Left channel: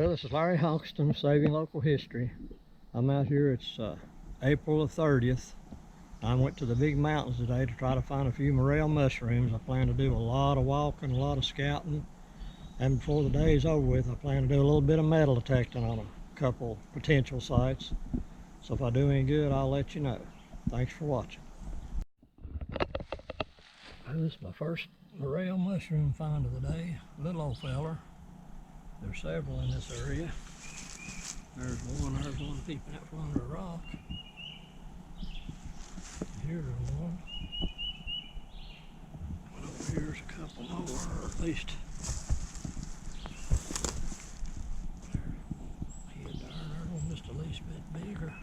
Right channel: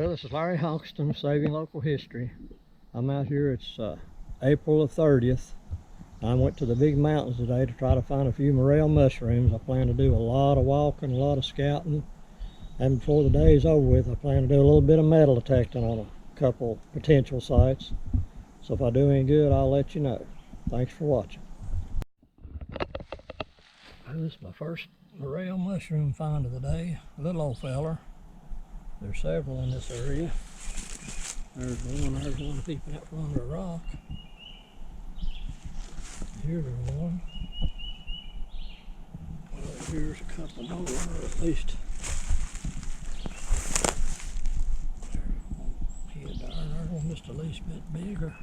Well, this is Larry Hoxton, Saving Local History. I'm out here, it's April the 30th. I went to the big mountains today to try to find a few morel mushrooms. I plan to do a lot of walking, a lot of scouting. And before the day is over with, I plan to do a little bit of metal detecting on a couple potential sites. So if I do any good, I'll let you know. Thanks for watching. Well, this is my first morel mushroom find of the day. Little old feller. There's several in this area. There's one peeping out from under a rock. Here's one. And over here's a couple more, or at least. There's one head there, and there's one just the least bit bigger. I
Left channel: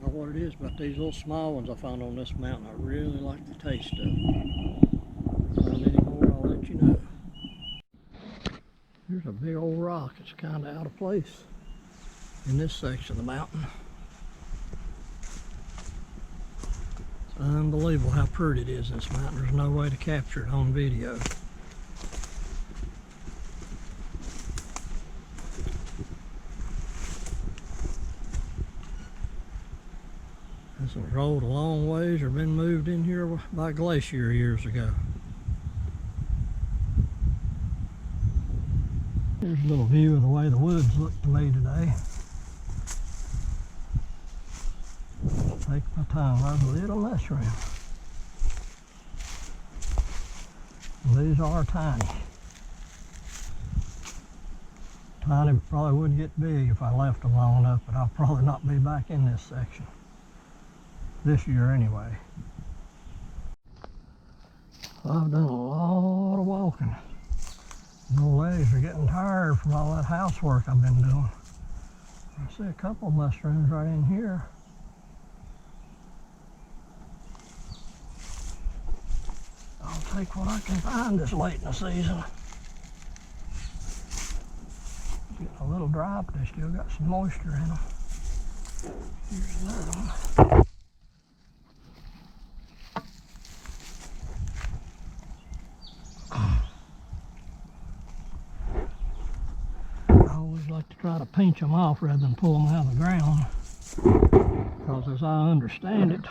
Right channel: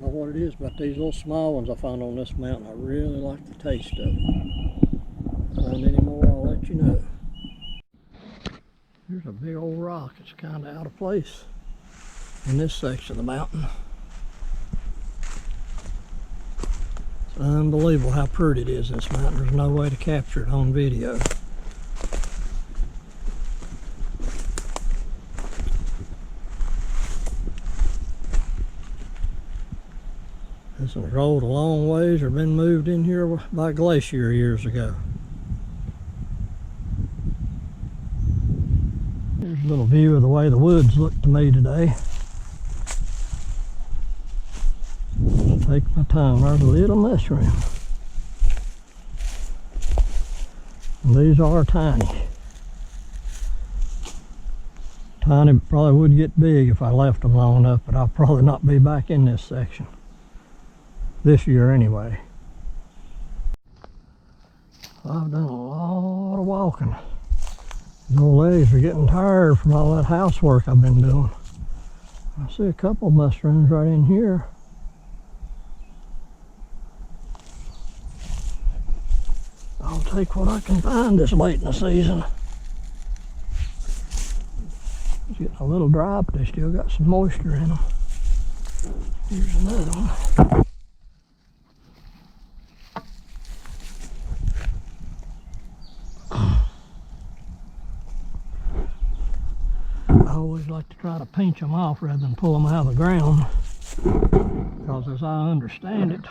don't know what it is about these little small ones I found on this mountain. I really like the taste of them. Find any more, I'll let you know. Here's a big old rock. It's kind of out of place in this section of the mountain. It's unbelievable how pretty it is in this mountain. There's no way to capture it on video. This one's rolled a long ways or been moved in here by a glacier years ago. Here's a little view of the way the woods look to me today. Just take my time. There's a little mushroom. And these are tiny. Tiny probably would get big if I left them long enough, but I'll probably not be back in this section. This year anyway. I've done a lot of walking. My legs are getting tired from all that housework I've been doing. I see a couple of mushrooms right in here. I'll take what I can find this late in the season. It's getting a little dry, but they still got some moisture in them. Here's another one. I always like to try to pinch them off rather than pull them out of the ground, because as I understand it,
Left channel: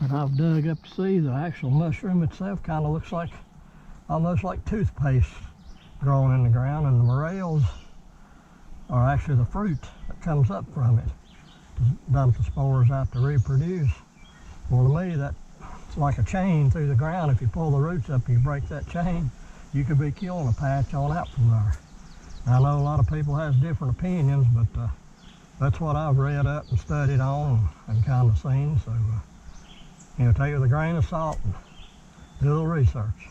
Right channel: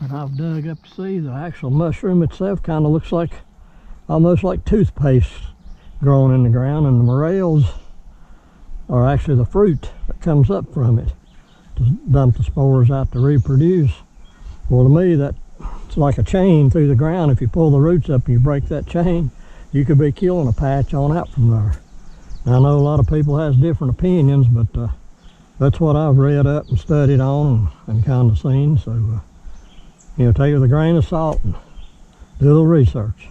that I've dug up to see, the actual mushroom itself kind of looks like almost like toothpaste growing in the ground, and the morels are actually the fruit that comes up from it to dump the spores out to reproduce. Well, to me, that's like a chain through the ground. If you pull the roots up and you break that chain, you could be killing a patch on out from there. Now, I know a lot of people has different opinions, but that's what I've read up and studied on and kind of seen. So, you know, take it with a grain of salt and do a little research.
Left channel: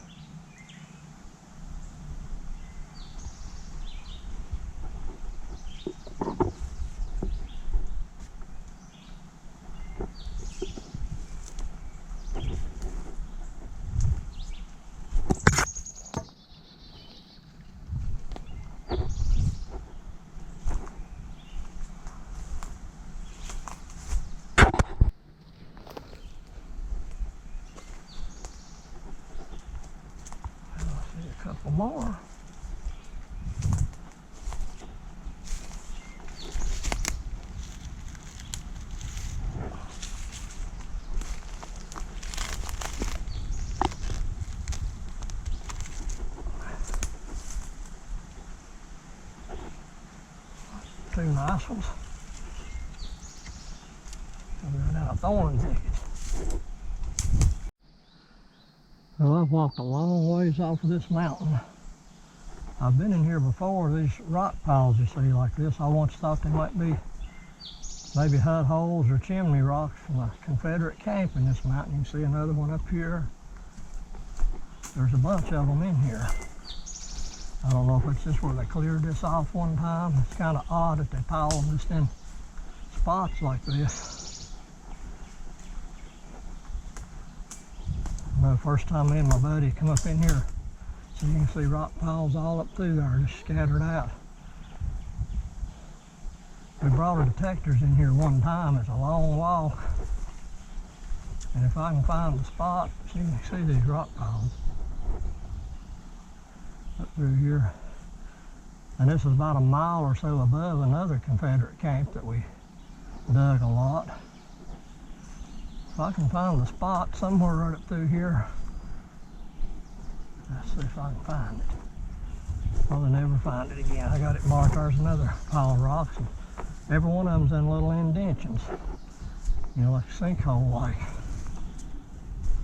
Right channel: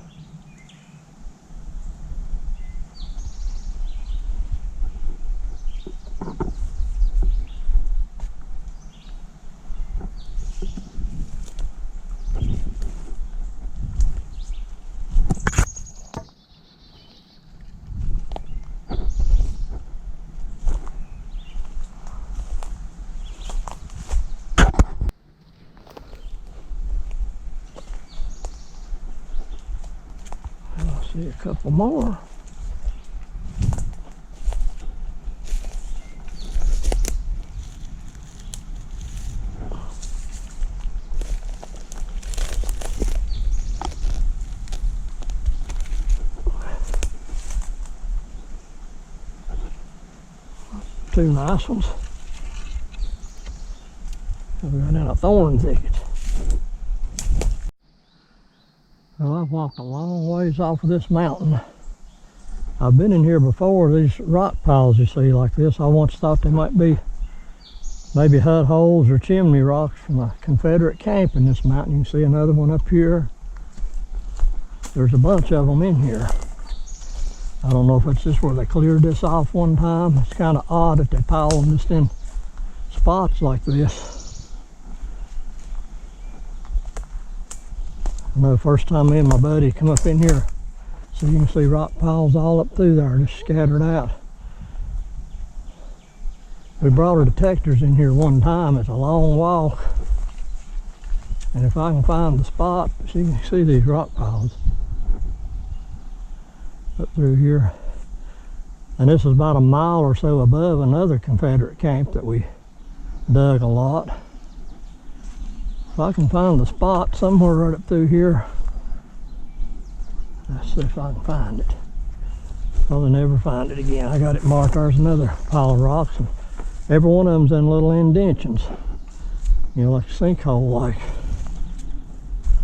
See a couple more. Two nice ones. We're in a thorn thicket. Well, I've walked a long ways off of this mountain. I've been in here before. These rock piles you see like this, I once thought they might be maybe hut holes or chimney rocks from a Confederate camp in this mountain. You can see another one up here. There's a bunch of them in here. I don't know if it's just where they cleared this off one time. It's kind of odd that they pile them just in spots like this. I know the first time me and my buddy come up in here, so you can see rock piles all up through there, just scattered out. We brought our detectors in here one time. It's a long walk. And if I can find the spot, so you can see these rock piles. up through here. And this is about a mile or so above another Confederate camp that we dug a lot. If I can find the spot somewhere right up through here, let's see if I can find it. Probably never find it again. I got it marked. There's another pile of rocks, and every one of them's in little indentions, you know, like a sinkhole like,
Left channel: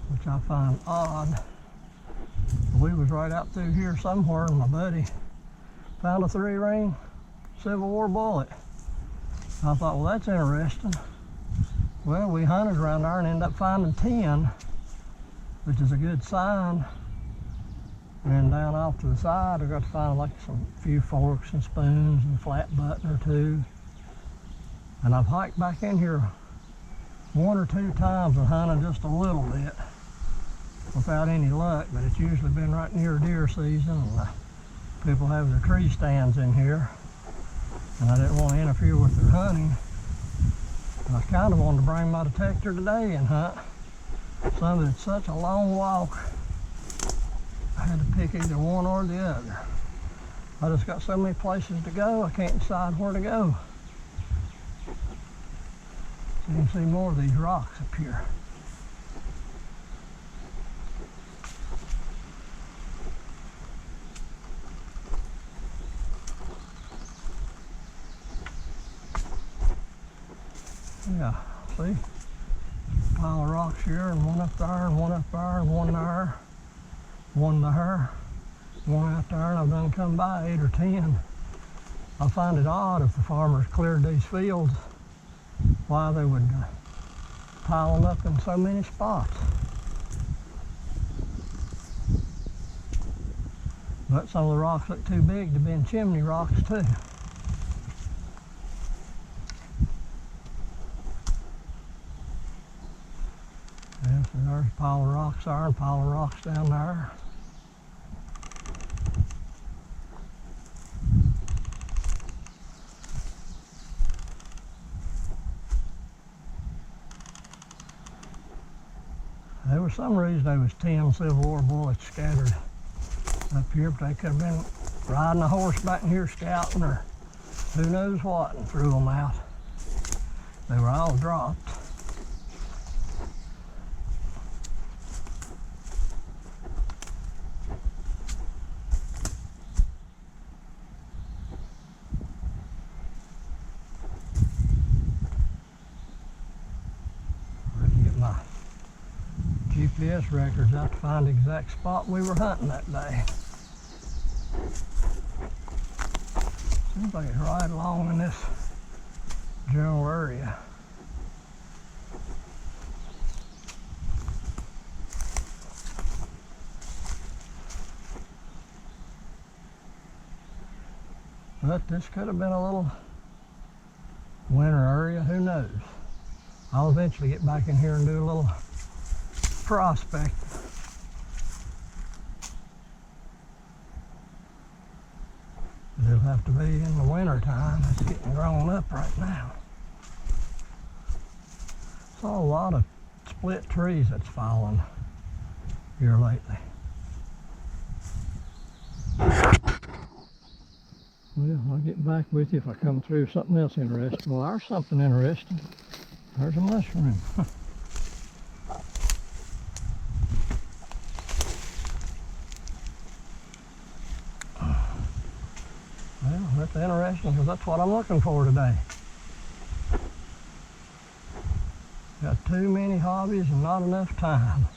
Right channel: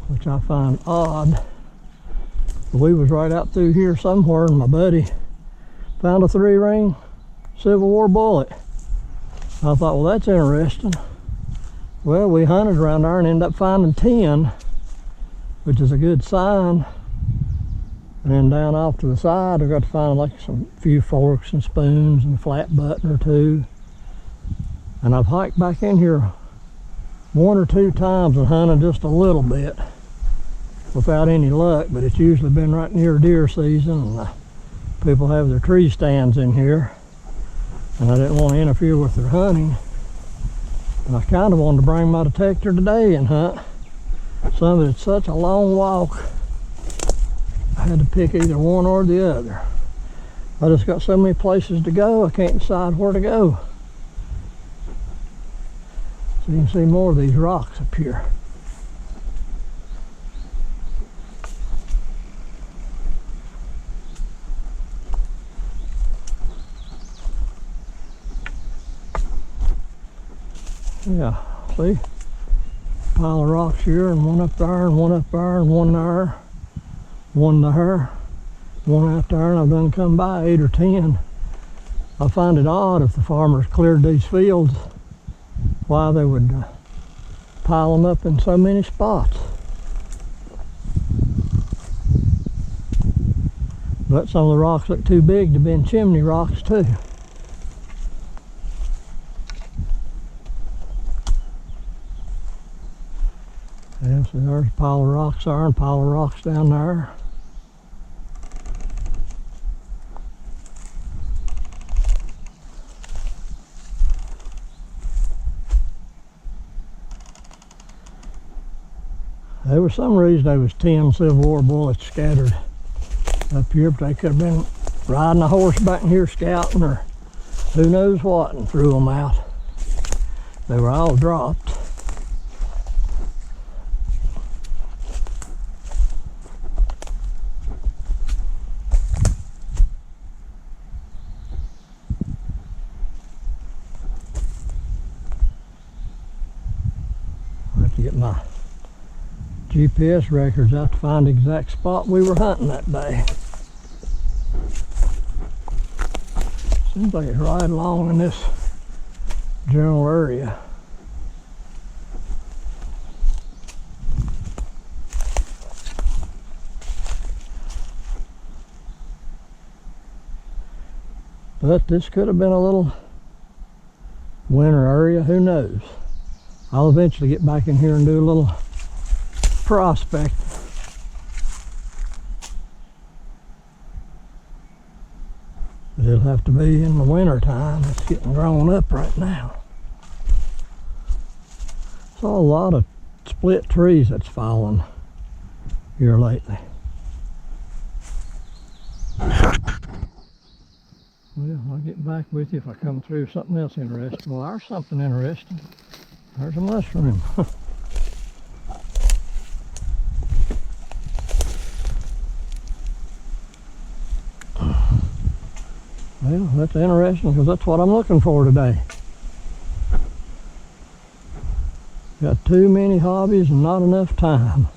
which I find odd. But we was right out through here somewhere, and my buddy found a 3-ring Civil War bullet. I thought, well, that's interesting. Well, we hunted around there and ended up finding 10, which is a good sign. And then down off to the side, I got to find like some few forks and spoons and a flat button or two. And I've hiked back in here 1 or 2 times and hunted just a little bit without any luck, but it's usually been right near deer season, and people have their tree stands in here, and I didn't want to interfere with their hunting. And I kind of wanted to bring my detector today and hunt. Some of it's such a long walk, I had to pick either one or the other. I just got so many places to go, I can't decide where to go. So you can see more of these rocks up here. Yeah, see? Pile of rocks here, and one up there, and one up there, and one there, one there, one out there, and I've done come by 8 or 10. I find it odd if the farmers cleared these fields, why they would pile them up in so many spots. But some of the rocks look too big to be in chimney rocks too. Yeah, so there's a pile of rocks there and a pile of rocks down there. There was some reason there was 10 Civil War bullets scattered up here, but they could have been riding a horse back in here scouting or who knows what and threw them out. They were all dropped. I have to get my GPS records out to find the exact spot we were hunting that day. Seems like it's right along in this general area. But this could have been a little winter area, who knows? I'll eventually get back in here and do a little prospect. But it'll have to be in the winter time. It's getting grown up right now. Saw a lot of split trees that's fallen here lately. Well, I'll get back with you if I come through something else interesting. Well, there's something interesting. There's a mushroom. Well, that's interesting because that's what I'm looking for today. Got too many hobbies and not enough time.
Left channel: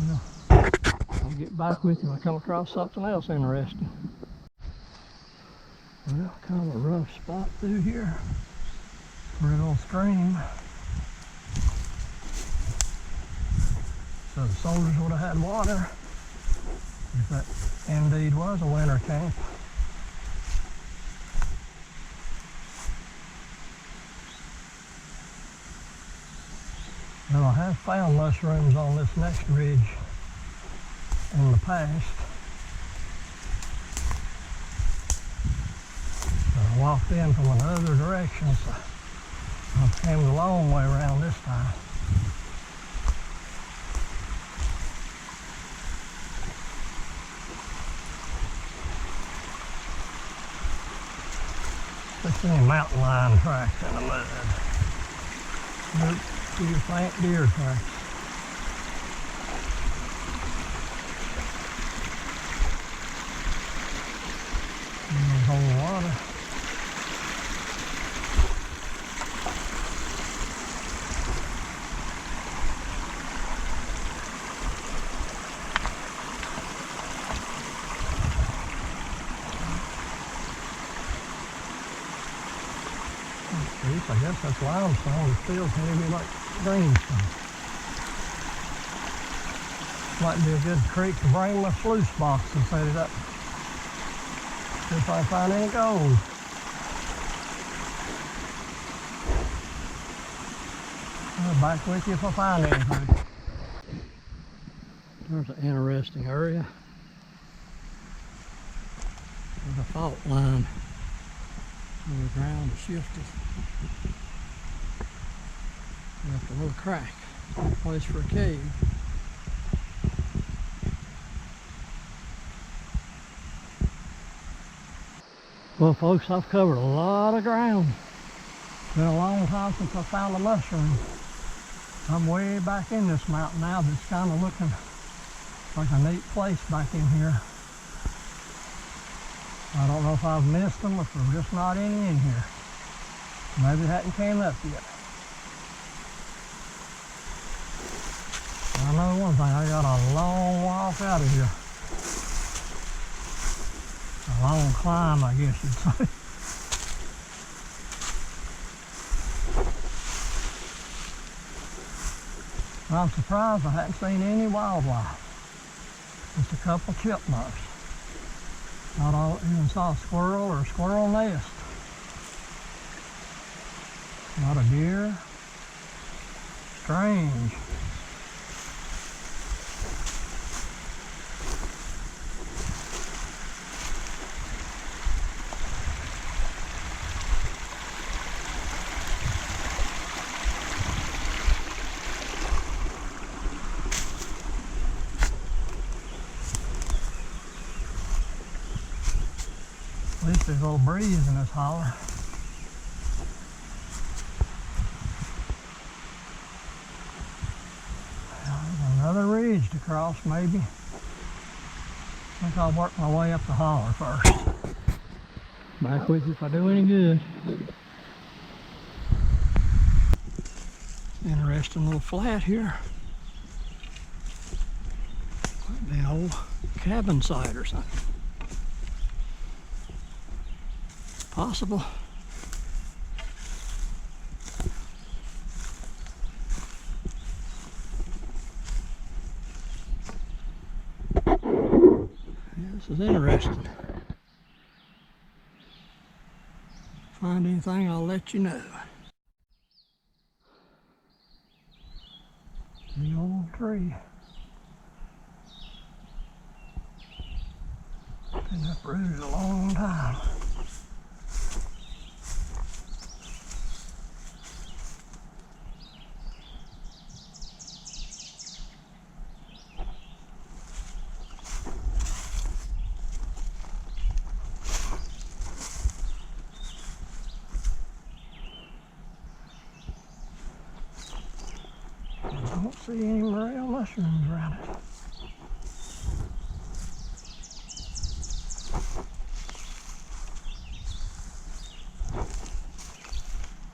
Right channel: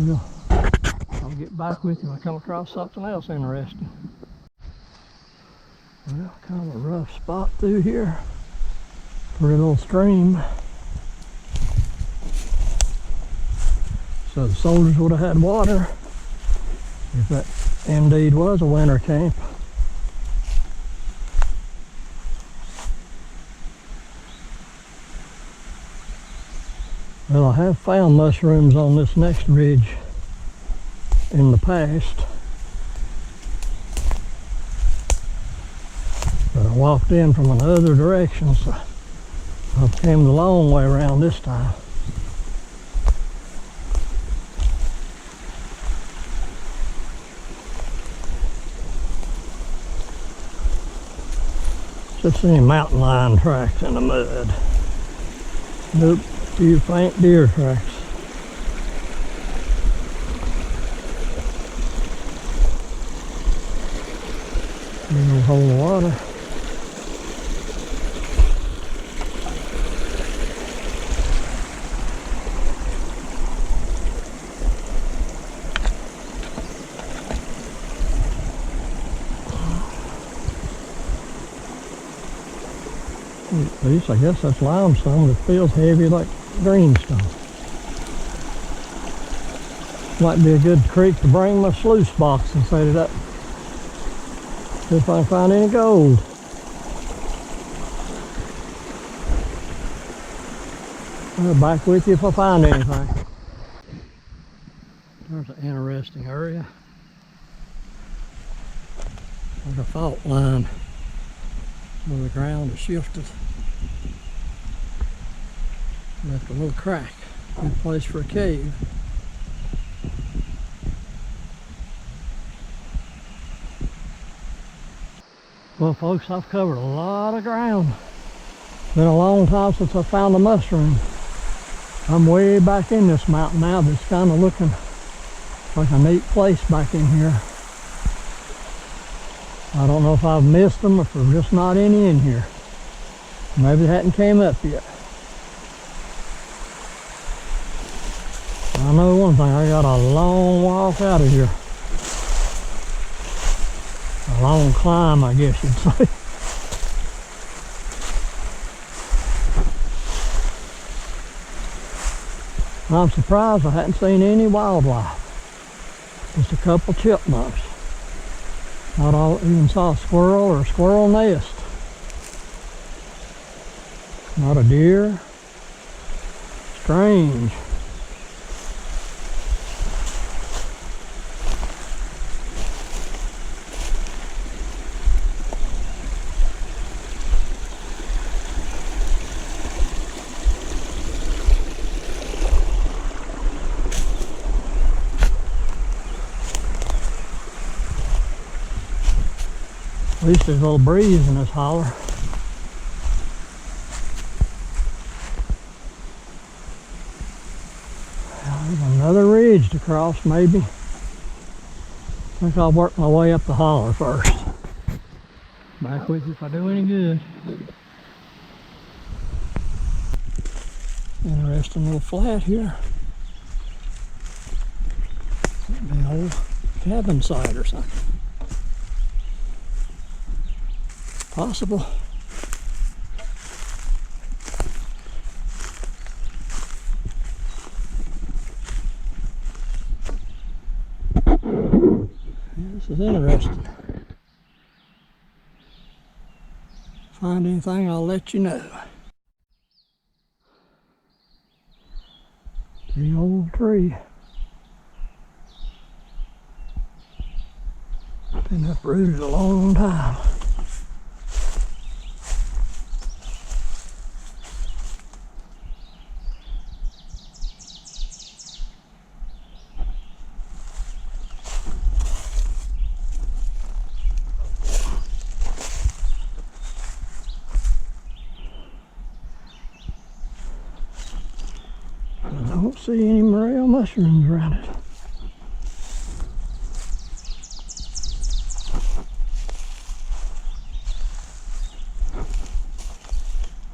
Well, I'll get back with you if I come across something else interesting. Well, kind of a rough spot through here for a little stream. So the soldiers would have had water if that indeed was a winter camp. Well, I have found mushrooms on this next ridge in the past, but I walked in from another direction, so I came the long way around this time. Just seeing mountain lion tracks in the mud. Nope, few faint deer tracks. Here's a hole of water. I guess that's limestone that feels heavy like greenstone. Might be a good creek to bring my sluice box and set it up. See if I can find any gold. I'll be back with you if I find anything. There's an interesting area. There's a fault line on the ground that shifted. Left a little crack. Good place for a cave. Well, folks, I've covered a lot of ground. It's been a long time since I found a mushroom. I'm way back in this mountain now, but it's kind of looking like a neat place back in here. I don't know if I've missed them or if there's just not any in here. Maybe they hadn't came up yet. I know one thing, I got a long walk out of here. A long climb, I guess you'd say. I'm surprised I hadn't seen any wildlife. Just a couple chipmunks. Not all, even saw a squirrel or a squirrel nest. Not a deer. Strange. At least there's a little breeze in this holler. Well, there's another ridge to cross, maybe. I think I'll work my way up the holler first. Back with you if I do any good. Interesting little flat here. Might be an old cabin site or something. Possible. Yeah, this is interesting. Find anything, I'll let you know. The old tree. Been uprooted a long time. I don't see any morel mushrooms around it.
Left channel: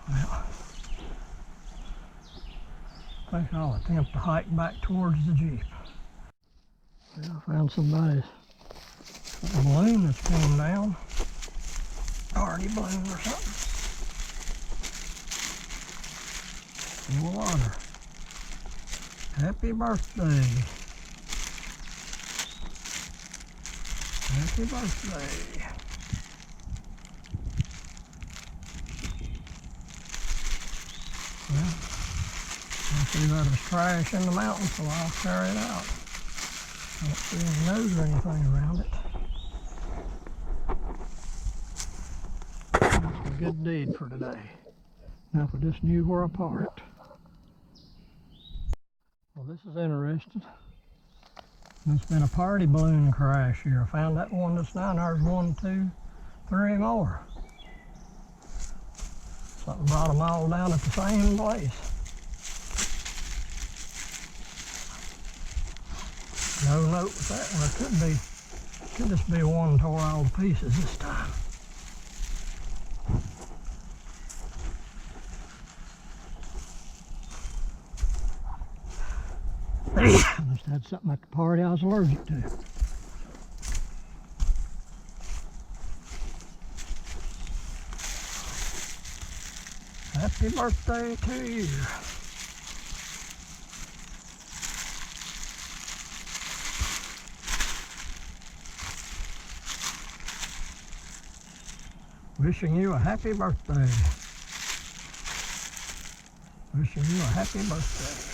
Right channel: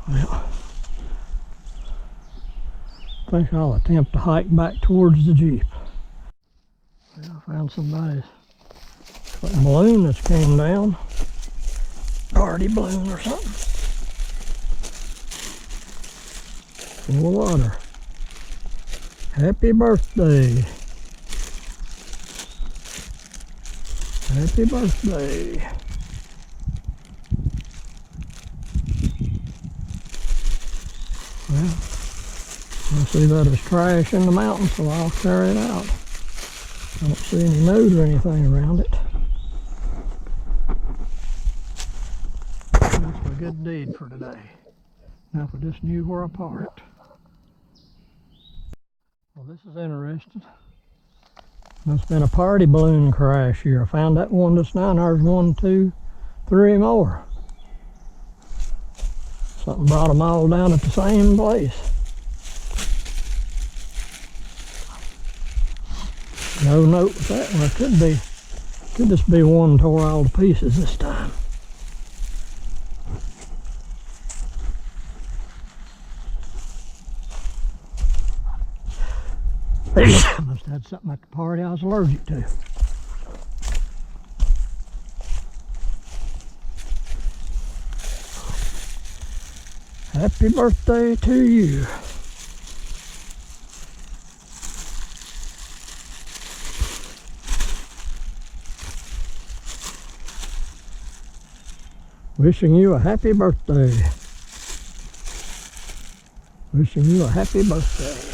Well, I think I'll attempt to hike back towards the Jeep. Well, I found somebody's balloon that's came down. Already balloon or something. Full of water. Happy birthday. Happy birthday. Well, I see that it's trash in the mountain, so I'll carry it out. I don't see any note or anything around it. That's a good deed for today. Now if I just knew where I parked. Well, this is interesting. There's been a party balloon crash here. I found that one just now, and there's 1, 2, 3 more. Something brought them all down at the same place. No note with that one. It could just be one tore all to pieces this time. Must have had something at the party I was allergic to. Happy birthday to you. Wishing you a happy birthday. Wishing you a happy birthday.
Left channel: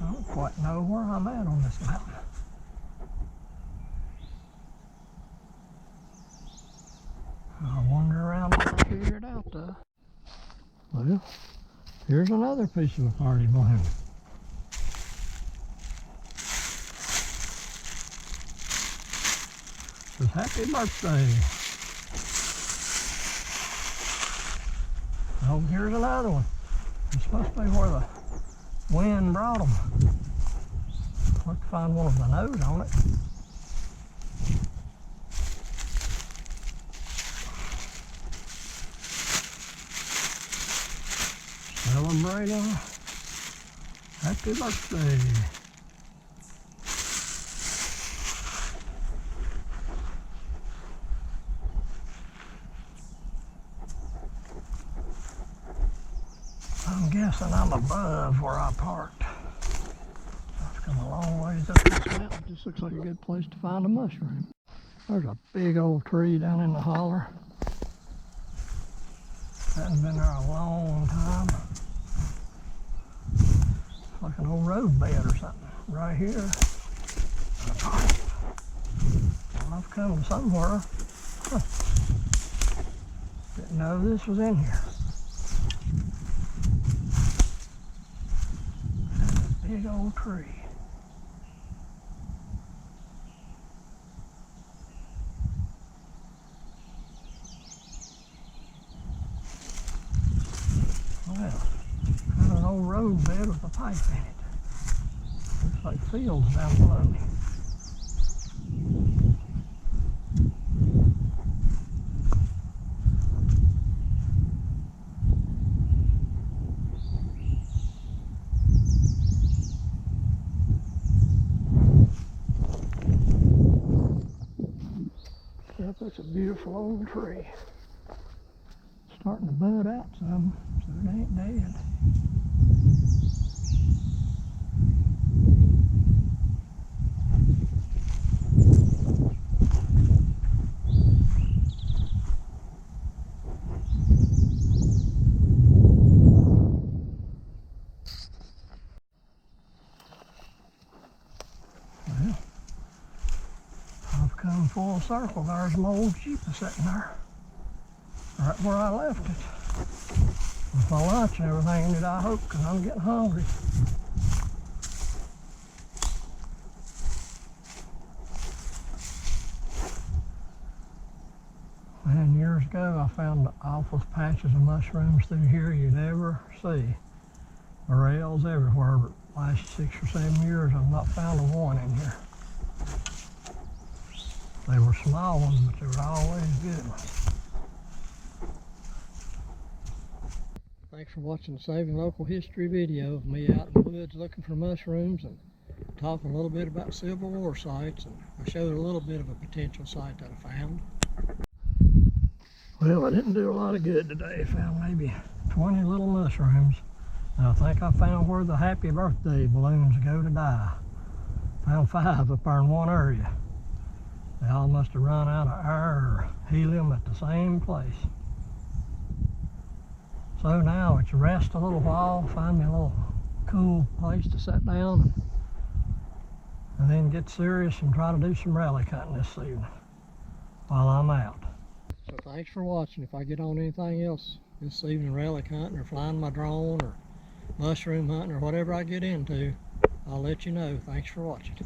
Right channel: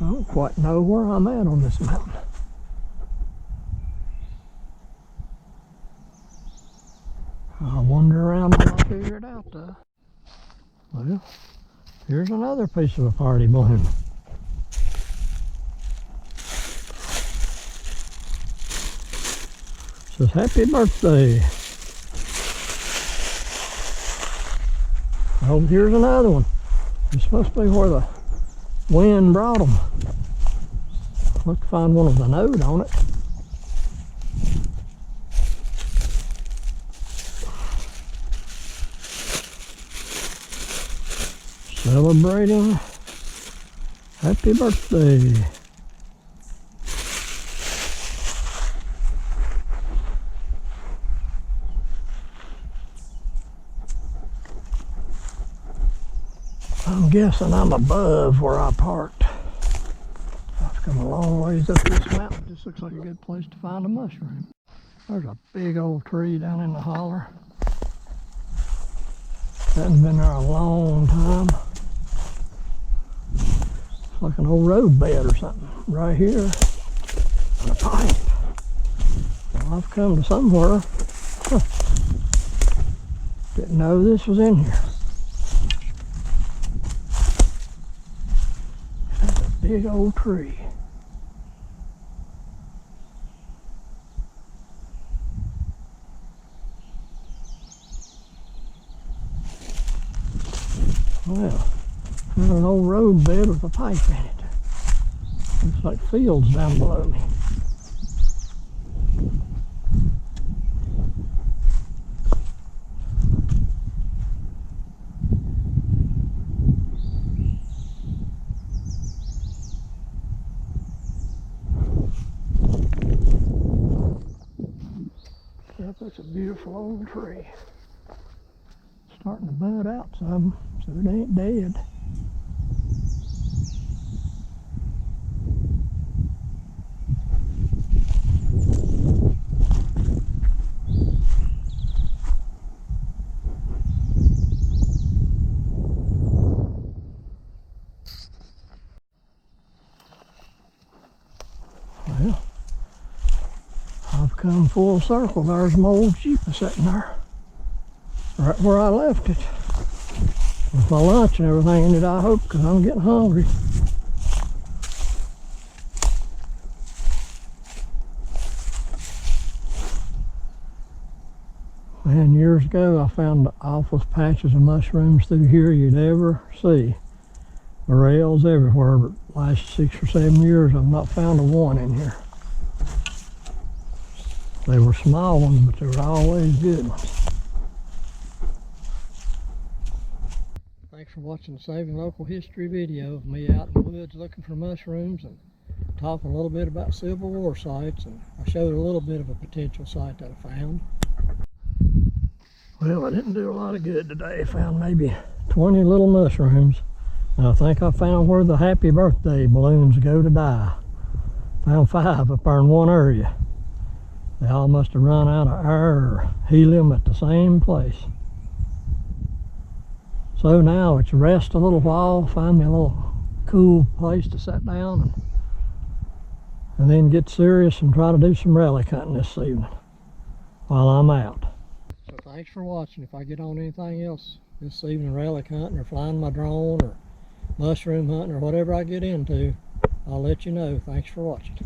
I don't quite know where I'm at on this mountain. I'll wander around till I figure it out though. Well, here's another piece of a party balloon. It says happy birthday. Oh, here's another one. This must be where the wind brought them. I'll have to find one with a note on it. Celebrating happy birthday. I'm guessing I'm above where I parked. I've come a long ways up this mountain. This looks like a good place to find a mushroom. There's a big old tree down in the holler. Hasn't been there a long time. It's like an old road bed or something. Right here, a pipe. Well, I've come to somewhere. Huh. Didn't know this was in here. That's a big old tree. Well, there's an old road bed with a pipe in it. Looks like fields down below me. Yep, that's a beautiful old tree. Starting to bud out some, so it ain't dead. Well, I've come full circle. There's my old Jeep sitting there, right where I left it, with my lunch and everything in it, I hope, because I'm getting hungry. Man, years ago I found the awfulest patches of mushrooms through here you'd ever see. Morels everywhere, but last 6 or 7 years I've not found a one in here. They were small ones, but they were always good ones. Thanks for watching the Saving Local History video of me out in the woods looking for mushrooms and talking a little bit about Civil War sites, and I showed a little bit of a potential site that I found. Well, I didn't do a lot of good today. I found maybe 20 little mushrooms. And I think I found where the happy birthday balloons go to die. Found 5 up there in one area. They all must have run out of air or helium at the same place. So now it's rest a little while, find me a little cool place to sit down and then get serious and try to do some relic hunting this evening while I'm out. So thanks for watching. If I get on anything else this evening, relic hunting or flying my drone or mushroom hunting or whatever I get into, I'll let you know. Thanks for watching.